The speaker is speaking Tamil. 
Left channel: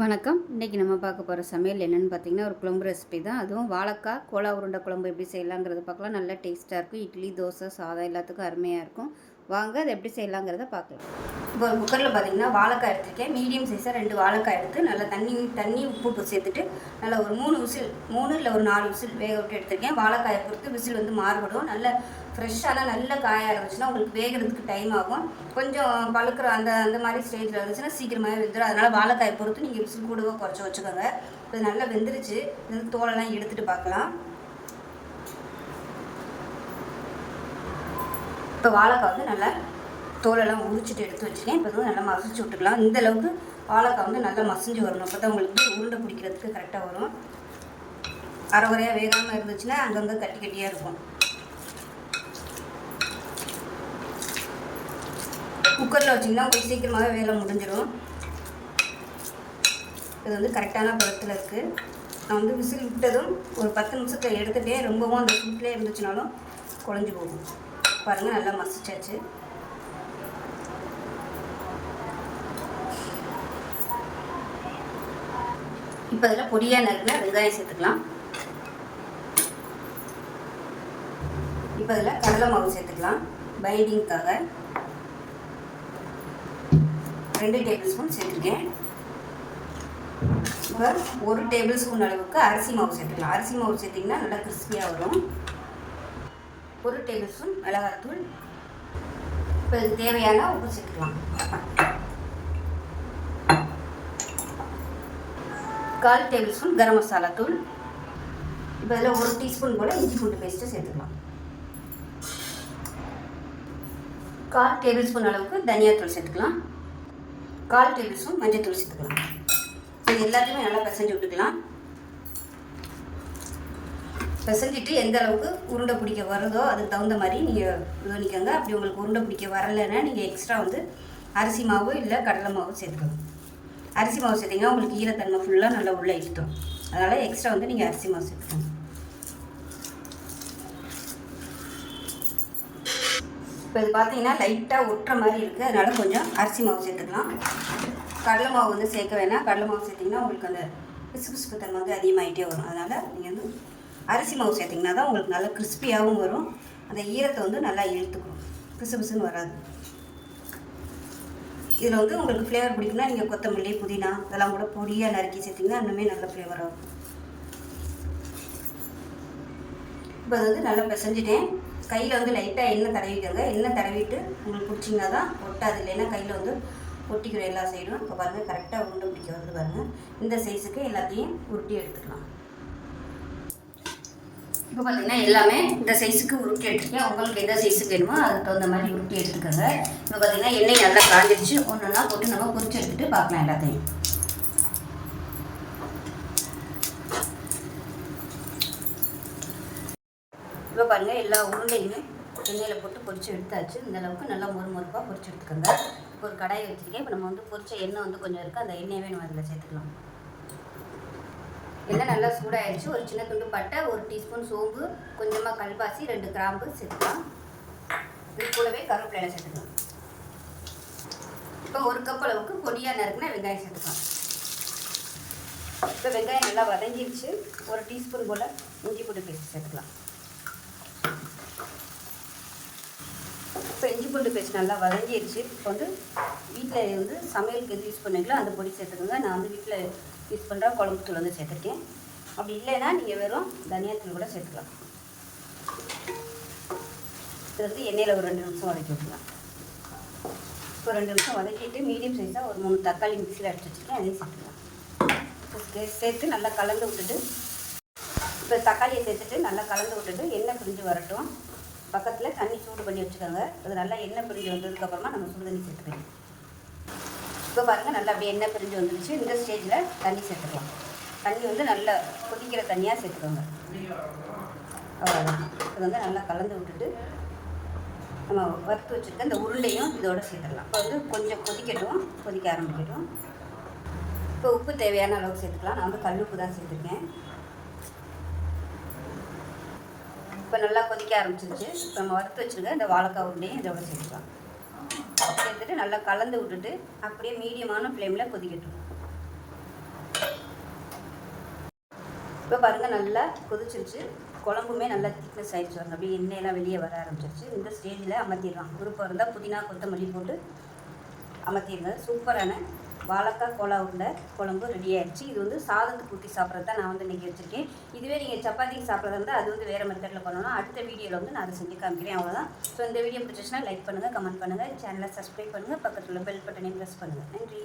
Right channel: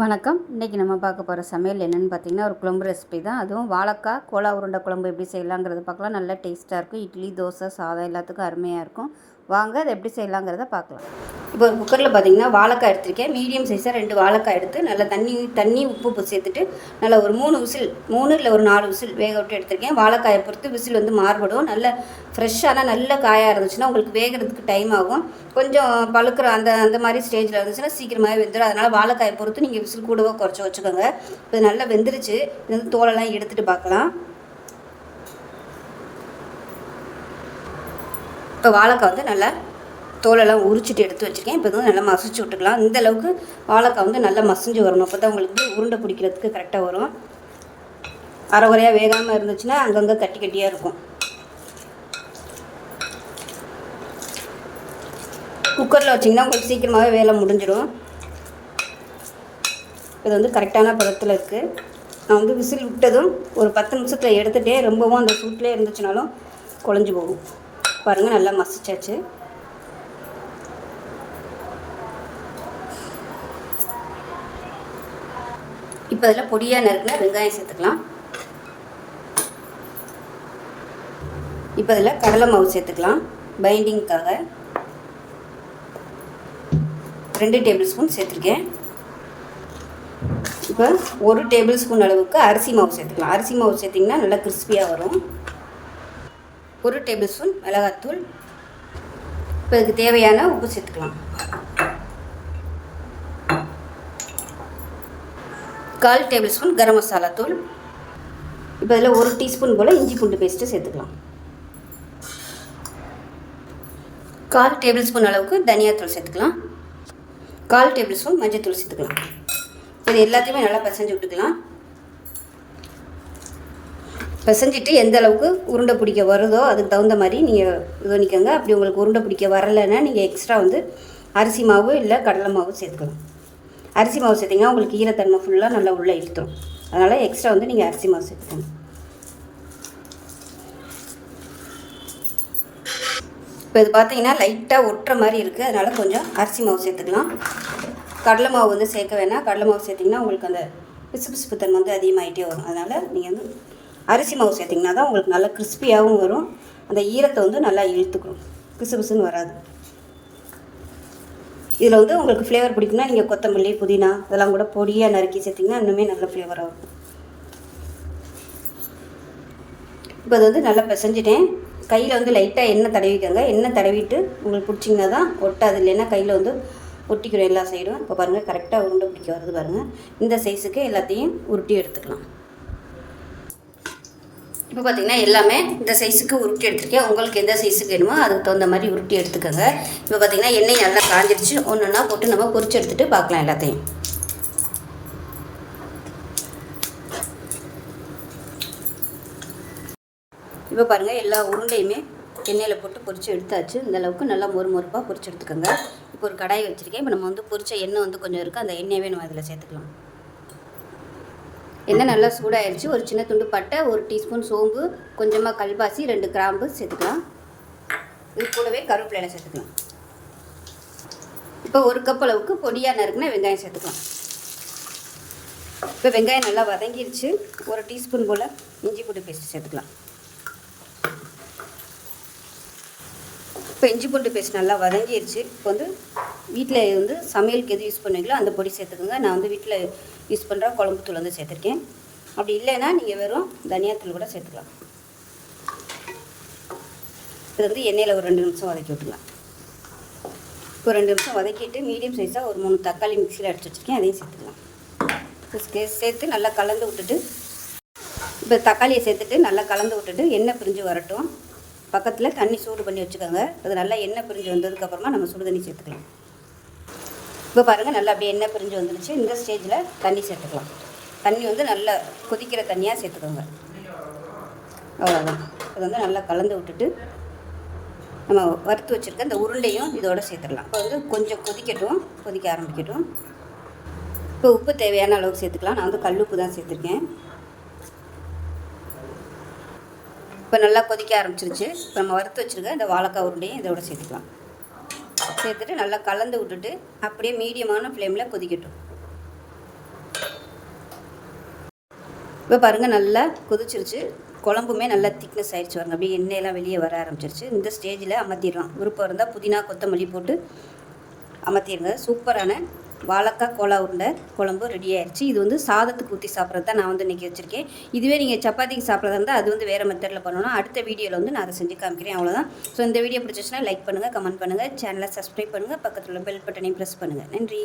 வணக்கம். இன்றைக்கி நம்ம பார்க்க போகிற சமையல் என்னென்னு பார்த்திங்கன்னா, ஒரு குழம்பு ரெசிபி தான். அதுவும் வாழைக்காய் கோலா உருண்டை குழம்பு எப்படி செய்யலாங்கிறத பார்க்கலாம். நல்லா டேஸ்ட்டாக இருக்கும். இட்லி, தோசை, சாதம் எல்லாத்துக்கும் அருமையாக இருக்கும். வாங்க அதை எப்படி செய்யலாங்கிறத பார்க்கலாம். இப்போ குக்கரில் பார்த்திங்கன்னா வாழைக்காய் எடுத்துருக்கேன். மீடியம் சைஸாக 2 வாழைக்காய் எடுத்து நல்லா தண்ணி உப்பு சேர்த்துட்டு நல்லா ஒரு 3 இல்லை ஒரு 4 விசில் வேக விட்டு எடுத்துருக்கேன். வாழைக்காயை பொறுத்து விசில் வந்து மாறுபடும். நல்ல ஃப்ரெஷ்ஷான நல்ல காயாக இருந்துச்சுன்னா உங்களுக்கு வேகிறதுக்கு டைம் ஆகும். கொஞ்சம் பழுக்கிற அந்த மாதிரி ஸ்டேஜில் இருந்துச்சுன்னா சீக்கிரமாகவே வெந்துடும். அதனால் வாழைக்காயை பொறுத்து நீங்கள் விசில் கூடவோ குறைச்சி வச்சுக்கோங்க. இப்போ நல்லா வெந்துருச்சு. இது வந்து தோலெல்லாம் எடுத்துகிட்டு பார்க்கலாம். இப்போ வாழைக்காய் வந்து நல்லா தோலெல்லாம் உரிச்சிட்டு எடுத்து வச்சுருக்கேன். இப்போ வந்து நல்லா மசிச்சு விட்டுக்கலாம். இந்த அளவுக்கு வாழைக்காய் வந்து நல்லா மசிஞ்சு வரணும். அப்போ தான் உங்களுக்கு உருண்டை பிடிக்கிறதுக்கு கரெக்டாக வரும். அரைகுறையாக வேகாமல் இருந்துச்சுன்னா அங்கங்கே கட்டி கட்டியாக இருக்கும். குக்கரில் வச்சிங்கன்னா உங்களுக்கு சீக்கிரமாகவே வேலை முடிஞ்சிடும். இது வந்து கரெக்டான பதத்தில் இருக்குது. நான் வந்து விசில் விட்டதும் ஒரு 10 நிமிஷத்தில் எடுத்துகிட்டே ரொம்பவும் அந்த சூட்டிலே இருந்துச்சுனாலும் குழஞ்சி போகும். பாருங்கள், நல்லா மசிச்சாச்சு. இப்போ அதில் பொடியாக நறுக்கின வெங்காயம் சேர்த்துக்கலாம். இப்போ அதில் கடலை மாவு சேர்த்துக்கலாம். பைண்டிங்க்காக 2 டேபிள் ஸ்பூன் சேர்த்துருக்கேன். இப்போ 1 டேபிள் ஸ்பூன் அளவுக்கு அரிசி மாவு சேர்த்துக்கலாம். அரிசி மாவு சேர்த்திங்கன்னா நல்லா கிறிஸ்பியாக வரும். 1 டேபிள் ஸ்பூன் மிளகாத்தூள். இப்போ இதுக்கு தேவையான உப்பு சேர்த்துக்கலாம். 1/4 டேபிள் ஸ்பூன் கரம் மசாலா தூள். இப்போ இதில் 1 டீஸ்பூன் போல் இஞ்சி பூண்டு பேஸ்ட்டு சேர்த்துக்கலாம். 1/4 டேபிள் ஸ்பூன் அளவுக்கு தனியாத்தூள் சேர்த்துக்கலாம். 1/4 டேபிள் ஸ்பூன் மஞ்சள் சேர்த்துக்கலாம். இது எல்லாத்தையுமே நல்லா பிசைஞ்சு விட்டுக்கலாம். பிசைஞ்சிட்டு எந்த அளவுக்கு உருண்டை பிடிக்க வருதோ அதுக்கு தகுந்த மாதிரி நீங்கள் இது பண்ணிக்கோங்க. அப்படி உங்களுக்கு உருண்டை பிடிக்க வரலைன்னா நீங்கள் எக்ஸ்ட்ரா வந்து அரிசி மாவு இல்லை கடலை மாவு சேர்த்துக்கணும். அரிசி மாவு சேர்த்திங்கன்னா உங்களுக்கு ஈரத்தன்மை ஃபுல்லாக நல்லா உள்ளே இழுத்துரும். அதனால் எக்ஸ்ட்ரா வந்து நீங்கள் அரிசி மாவு சேர்த்துக்கணும். இப்போ இது பார்த்தீங்கன்னா லைட்டாக ஒட்டுற மாதிரி இருக்குது. அதனால் கொஞ்சம் அரிசி மாவு சேர்த்துக்கலாம். கடலை மாவு வந்து சேர்க்க வேணாம். கடலை மாவு சேர்த்திங்கன்னா உங்களுக்கு அந்த பிசு தன்மை வந்து அதிகமாகிட்டே வரும். அதனால் நீங்கள் வந்து அரிசி மாவு சேர்த்திங்கன்னா தான் உங்களுக்கு நல்லா கிறிஸ்பியாகவும் வரும். அந்த ஈரத்தை வந்து நல்லா இழுத்துக்கணும். பிசுன்னு வராது. இதில் வந்து உங்களுக்கு ஃப்ளேவர் பிடிக்குன்னா நீங்கள் கொத்தமல்லி, புதினா இதெல்லாம் கூட பொடியாக நறுக்கி சேர்த்திங்கன்னா இன்னுமே நல்ல ஃப்ளேவர் ஆகும். இப்போ அது வந்து நல்லா பிசைஞ்சிட்டேன். கையில் வந்து லைட்டாக எண்ணெய் தடவிக்கோங்க. எண்ணெய் தடவிட்டு உங்களுக்கு பிடிச்சிங்கன்னா தான் ஒட்டாது. இல்லைன்னா கையில் வந்து ஒட்டிக்கிறோம் எல்லா சைடும். இப்போ பாருங்கள், கரெக்டாக உருண்டை பிடிக்க வருது பாருங்கள். இந்த சைஸுக்கு எல்லாத்தையும் உருட்டி எடுத்துக்கலாம். இப்போ பார்த்திங்கன்னா எல்லாமே இந்த சைஸுக்கு உருட்டி எடுத்துருக்கேன். உங்களுக்கு எந்த சைஸுக்கு வேணுமோ அதுக்கு தகுந்த மாதிரி உருட்டி எடுத்துக்கோங்க. இப்போ பார்த்திங்கன்னா எண்ணெய் நல்லா காஞ்சிடுச்சு. ஒன்றுன்னா போட்டு நம்ம பொரிச்சு எடுத்துகிட்டு பார்க்கலாம் எல்லாத்தையும். இப்போ பாருங்கள், எல்லா உருண்டையுமே எண்ணெயில் போட்டு பொரிச்சு எடுத்தாச்சு. இந்த அளவுக்கு நல்லா மொறுப்பாக பொரிச்சு எடுத்துக்கோங்க. இப்போ ஒரு கடாயை வச்சுருக்கேன். இப்போ நம்ம வந்து பொரிச்ச எண்ணெய் வந்து கொஞ்சம் இருக்குது. அந்த எண்ணெயவே நம்ம அதில் சேர்த்துக்கலாம். எண்ணெய் நல்லா சூடாகிடுச்சு. ஒரு சின்ன துண்டு பட்டை, 1 டீஸ்பூன் சோம்பு, கொஞ்சமாக கல்பாசி, 2 கிராம்பு சேர்த்துக்கலாம். இது கூடவே கருவேப்பிலை சேர்த்துக்கலாம். இப்போ 1 கப் அளவுக்கு பொடியாக நறுக்குன வெங்காயம் சேர்த்துக்கலாம். இப்போ வெங்காயம் நல்லா வதங்கிடுச்சு. 1 டீஸ்பூன் போல் இஞ்சி பூண்டு பேஸ்ட் சேர்த்துக்கலாம். இப்போ இஞ்சி பூண்டு பேஸ்ட் நல்லா வதங்கிடுச்சு. இப்போ வந்து வீட்டில் வந்து சமையலுக்கு எது யூஸ் பண்ணுவீங்களோ அந்த பொடி சேர்த்துக்கோங்க. நான் வந்து வீட்டில் யூஸ் பண்ணுற குழம்பு தூள் வந்து சேர்த்துருக்கேன். அப்படி இல்லைன்னா நீங்கள் வெறும் தனியாத்தூள் கூட சேர்த்துக்கலாம். இது வந்து எண்ணெயில் ஒரு 2 நிமிஷம் வதக்கி விட்டுக்கலாம். இப்போ 2 நிமிஷம் வதக்கிட்டு மீடியம் சைஸாக ஒரு 3 தக்காளி மிக்சியில் அடிச்சு வச்சுருக்கேன். அதையும் சேர்த்துக்கலாம். சேர்த்து நல்லா கலந்து விட்டுட்டு, இப்போ தக்காளியை சேர்த்துட்டு நல்லா கலந்து விட்டுட்டு எண்ணெய் பிரிஞ்சு வரட்டும். பக்கத்தில் தண்ணி சூடு பண்ணி வச்சுக்கோங்க. அது நல்லா எண்ணெய் பிரிஞ்சு வந்ததுக்கப்புறமா நம்ம சுடு தண்ணி சேர்த்துக்கலாம். இப்போ பாருங்கள், நல்லா அப்படியே எண்ணெய் பிரிஞ்சு வந்துடுச்சு. இந்த ஸ்டேஜில் தண்ணி சேர்த்துக்கலாம். தண்ணி வந்து நல்லா கொதிக்கிற தண்ணியாக சேர்த்துக்கோங்க. அவ்வளோதான். இது வந்து நல்லா கலந்து விட்டுட்டு நம்ம வறுத்து வச்சுருக்க இந்த உருண்டையும் இதோட சேர்த்துடலாம். இப்போ வந்து கொஞ்சம் கொதிக்க ஆரம்பிக்கட்டும். இப்போ உப்பு தேவையான அளவுக்கு சேர்த்துக்கலாம். நான் வந்து கல் உப்பு தான் சேர்த்துருக்கேன். இப்போ நல்லா கொதிக்க ஆரம்பிச்சிருச்சு. இப்போ நம்ம வறுத்து வச்சுருக்க இந்த வாழைக்காய் உருண்டையும் இதோட சேர்த்துக்கலாம். சேர்த்துட்டு நல்லா கலந்து விட்டுட்டு அப்படியே மீடியமான ஃப்ளேமில் கொதிக்கட்டும். இப்போ பாருங்கள் நல்லா கொதிச்சிருச்சு, குழம்புமே நல்லா திக்னஸ் ஆகிடுச்சு பாருங்க, அப்படியே எண்ணெயெல்லாம் வெளியே வர ஆரம்பிச்சிருச்சு. இந்த ஸ்டேஜில் அமர்த்திடலாம். விருப்பம் இருந்தால் புதினா கொத்தமல்லி போட்டு அமர்த்திடுங்க. சூப்பரான வாழைக்காய் கோலா உருண்டை குழம்பு ரெடி ஆயிடுச்சு. இது வந்து சாதத்துக்கு ஊற்றி சாப்பிட்றது தான் நான் வந்து இன்றைக்கி வச்சுருக்கேன். இதுவே நீங்கள் சப்பாத்திக்கு சாப்பிட்றதா இருந்தால் அது வந்து வேறு மெத்தடில் பண்ணணும். அடுத்த வீடியோவில் வந்து நான் அதை செஞ்சு காமிக்கிறேன். அவ்வளோதான். ஸோ இந்த வீடியோ பிடிச்சிச்சுன்னா லைக் பண்ணுங்கள், கமெண்ட் பண்ணுங்கள், சேனலை சப்ஸ்கிரைப் பண்ணுங்கள், பக்கத்தில் உள்ள பெல் பட்டனையும் ப்ரெஸ் பண்ணுங்கள். நன்றி.